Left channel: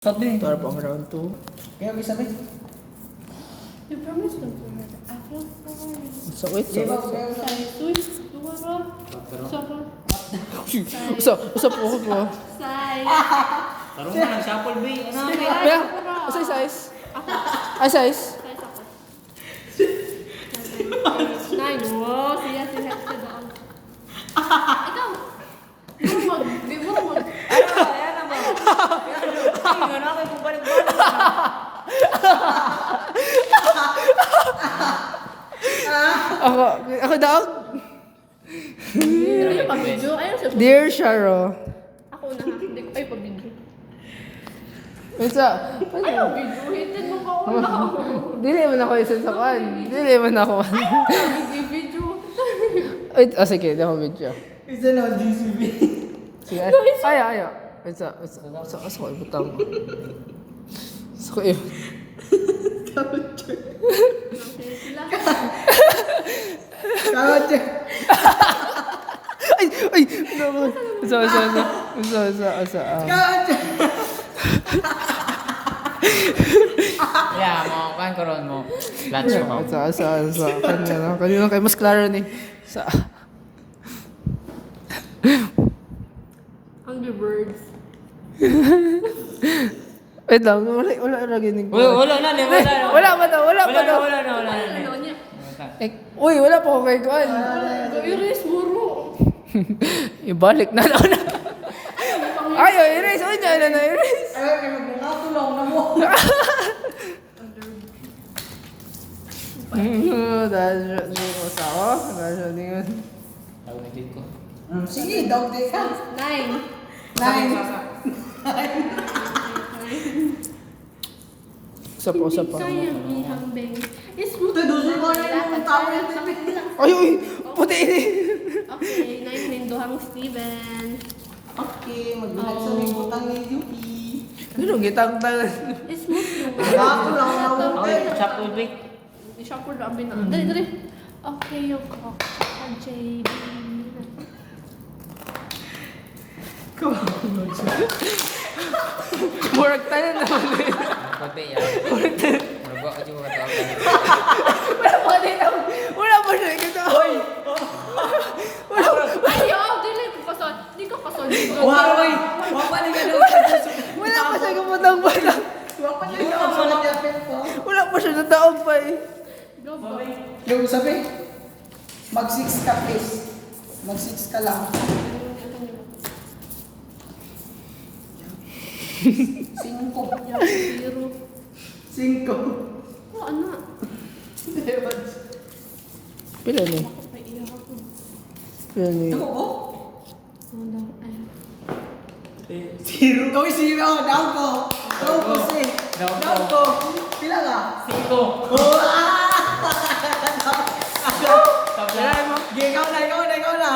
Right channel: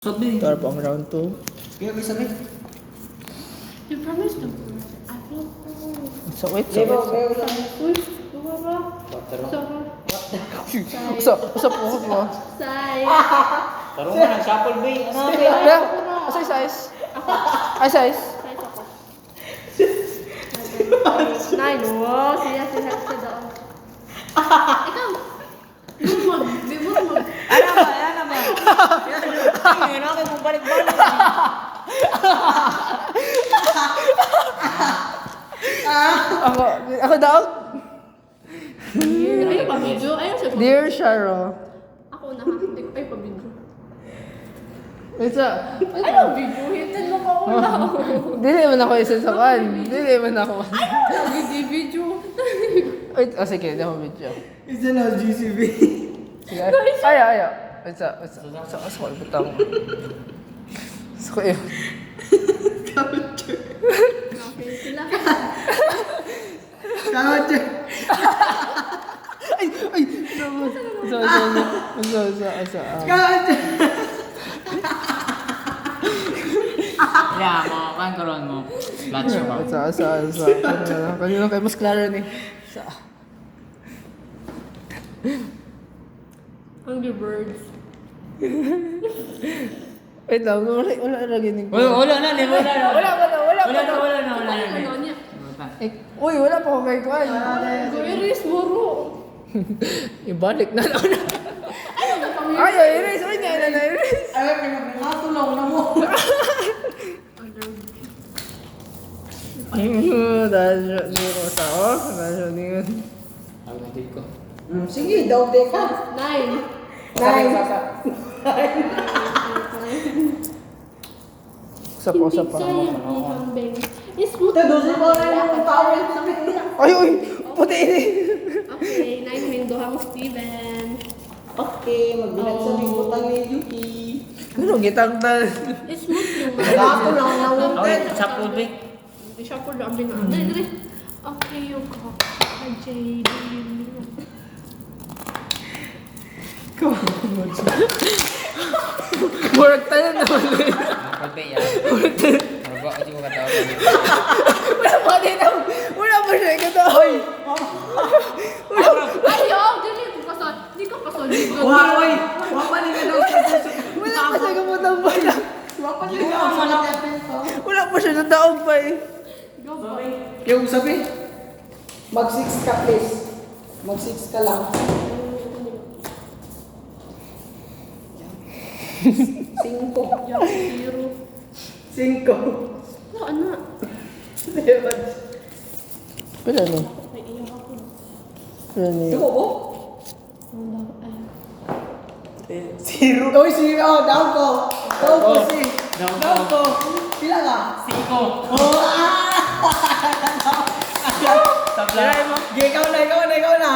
Sabi. Ito po ang round 2. Kaya may sabi. You promised to. So, wait. Usap po ko. Say. Tarong ka ng shuffle bay. Ano ba? Bel, asay size? Ay, size? Nay, lumo. Siya sinaksa doon. Ikaw. Bumog. Bumog. Ano ba? Ano ba? Yan ako yung balik-balik. Ako daw? Ayaw pa video. Ayaw siya. Dear Sharo. Ako na ha. Hindi ko. Ay, pa video. Isa. Ayaw video. Hitin mo pa una. Dili man ako isa sa kan. Dili man ako. Video. Wait, sige, di ako video. Isa na GCB. Sige, ayo. Isa. Butang. So, yun. Sila. Tawad siya. Ay! Usa. Tawad siya. Ya, mo kan karon mo. Lunch mo. Usa. Kanina kay mas klaro ni. Sa. Hungry birds. Wait lang, wala lagi ni. Wala na. Wala pa daw. Ano niya? Uy, wala pa ko kay kuan. Gawin muro. Ibalik na lang. Ayo, erase. Uy, na erase. Ayaw ka magkakatulong na mo. Dahil ni ko sa ako. Dahil ni ko. Ako na dito. Sige, daw ka. 9. Sa po. Sayang ang kambing. Smooth. Ito, doon ko na yung towel. Sabi nila. Ay, puti ini. Okay, 9 ng duhang Steven. Okay, magbilat sa libutan ni Yuki. Ano gitang-tal. Smooth yung. Ako lang na mo. Ako chapel bay. Hindi siya po dami na. Dali. Okay, yung JD. Murag tayo naman. Pati ya. Margo ako juga katawa lagi. Wala pa siya ikaw. Hoy. Ayaw! Dili ko kasal. Hindi ko kasal dito. Waray! Wapa ni ka daw sa Diyos. Wala pa siya gumutang-butang. Wapa ni ka daw sa Diyos. Wala pa siya nadaog pa eh. Go po. Yung sabi, mag-6 ka please. Mag-6 ka lang. 5. Zero. 5. Oh, ano? Pila no? May iyo ako. Yan eh. Oo. Ano? Ay. 0. Uy, 0. Down ko. Down ko si. Down ko. Down ko. Pila ka? 5. Oh, Tabla. Ikaw na.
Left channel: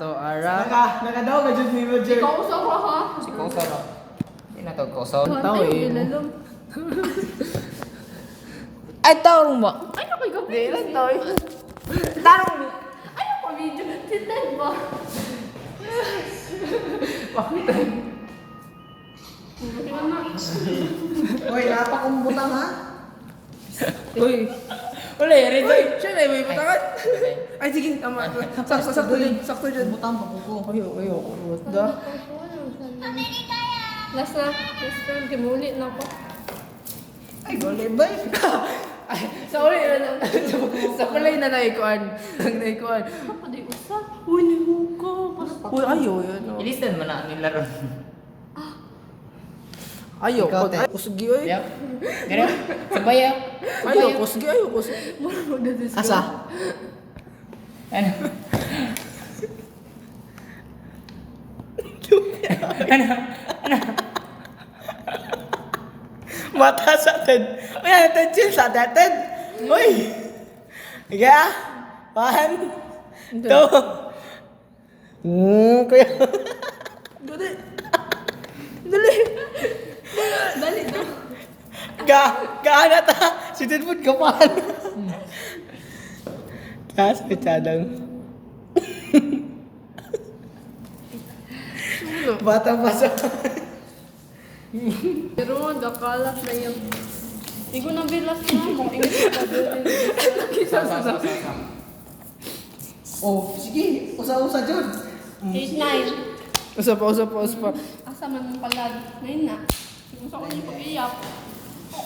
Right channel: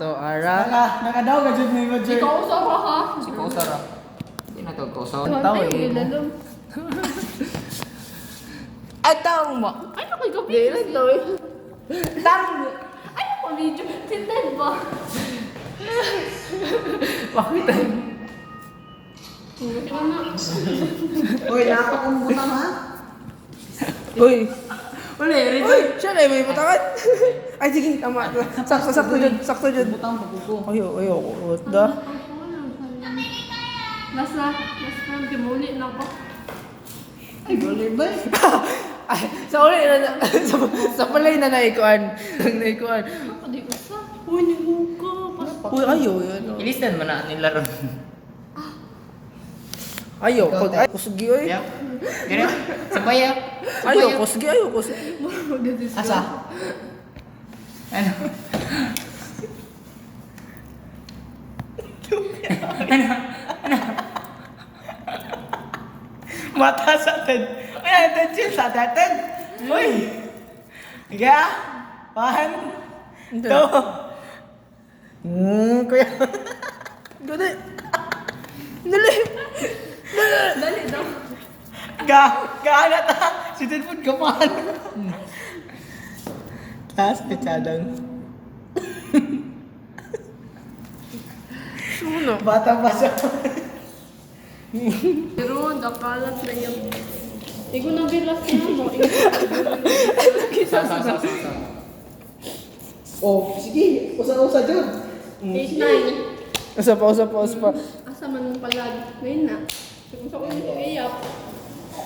To ara. Nakadaw ka dyan ni Roger. Ikaw sa ha? Si Kosara. Hindi na tagposo. Tawa Ayaw, eh. ilalong. Ay, tawang mo. Ay, ako yung Di lang to eh. Tarong. Ayaw ko video. Tinted ba? Bakit? Ano? Uy, napakambutan ha? Uy. Wala, rin. Uy, siya na may patakan. Ay, sige, tama. Sakto dyan. Butang papupo. Ayo. What the? Last time, kimulit na ako. Ay, boleh ba? Ay, sa uli na sa palay na naikuan. Naikuan. Ako di usa. Uy, nihuka. Uy, ayo yun. Oh. Ilisan mo na nila ron. Ayo, pag ay kusgi oy. Ya. Gano? Sabaya. Ayo, kusgi. Asa? Ano? Mata sa atin. May attention sa atin. Uy! Higa! 1, 2. Kuya. Dali. Dali. Dali daw. Gaana ta. Si Tinfood ka pa. Taas, pechadang. Ano? Bata pa siya. Pero dakalat na yun. Igo na bilas na mo. Oh, sige. Usa-usa dyan. 8-9. Usa pa. Asa man pala. Ngayon na. Kung sa kanya pag-iyak.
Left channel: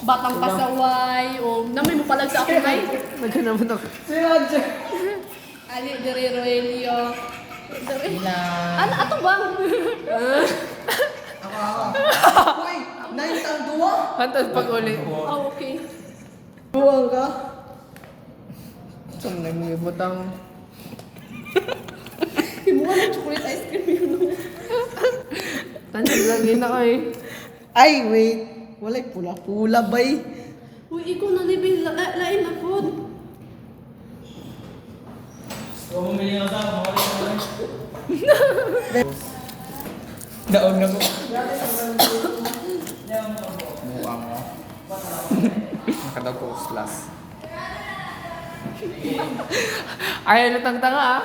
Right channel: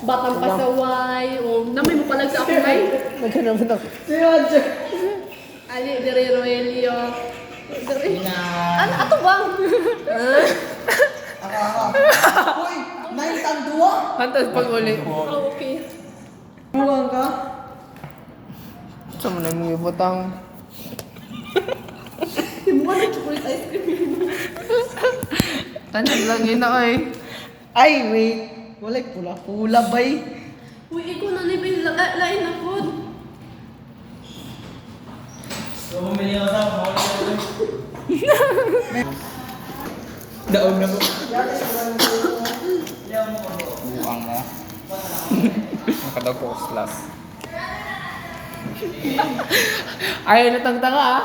Batang pasaway. O namay mo pala sa akin ay. Naghanapon ako. Si Roger. Ali, dire Roelio. Ano ato bang? Ako. Uy, 9 tang 2. Hantas pag uli. Oh, okay. Buwang ka. Sa mo na yung ibutang. Kimuha ng chocolate ice cream. Tansag lagi na ay. Ay, wait. Wala pula-pula bay. Uy, ikaw na nibig lain na po. Daon na ko. Buang na. Nakadaw ko slash. Ayaw na tanga ah.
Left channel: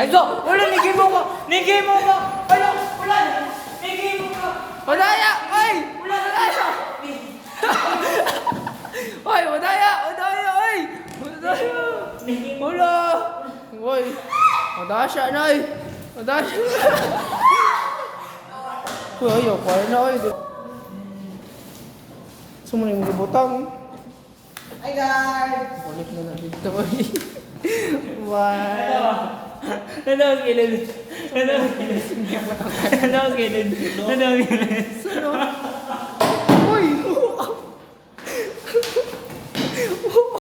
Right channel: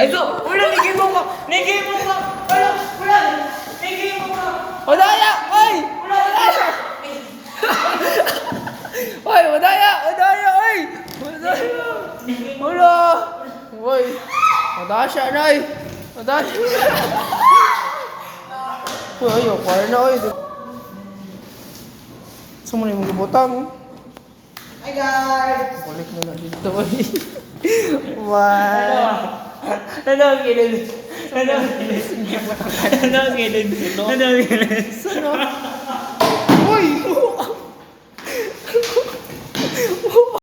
Ito! Wala, nigay mo pa. Nigay mo pa. Wala. Nigay mo pa. Wadaya! Oy! Wadaya! Oy, wadaya! Oy! Wadaya! Wala! Oy! Wadasya na ay! Wadasya! Uy, ayaw, kaya na oy. Sumuli mong gabutang. Hi guys. Balik na lang dito oy. Wow! Ano ang gilid? Ano ang gilid? Ano ang gilid? Ano ang gilid? Sano?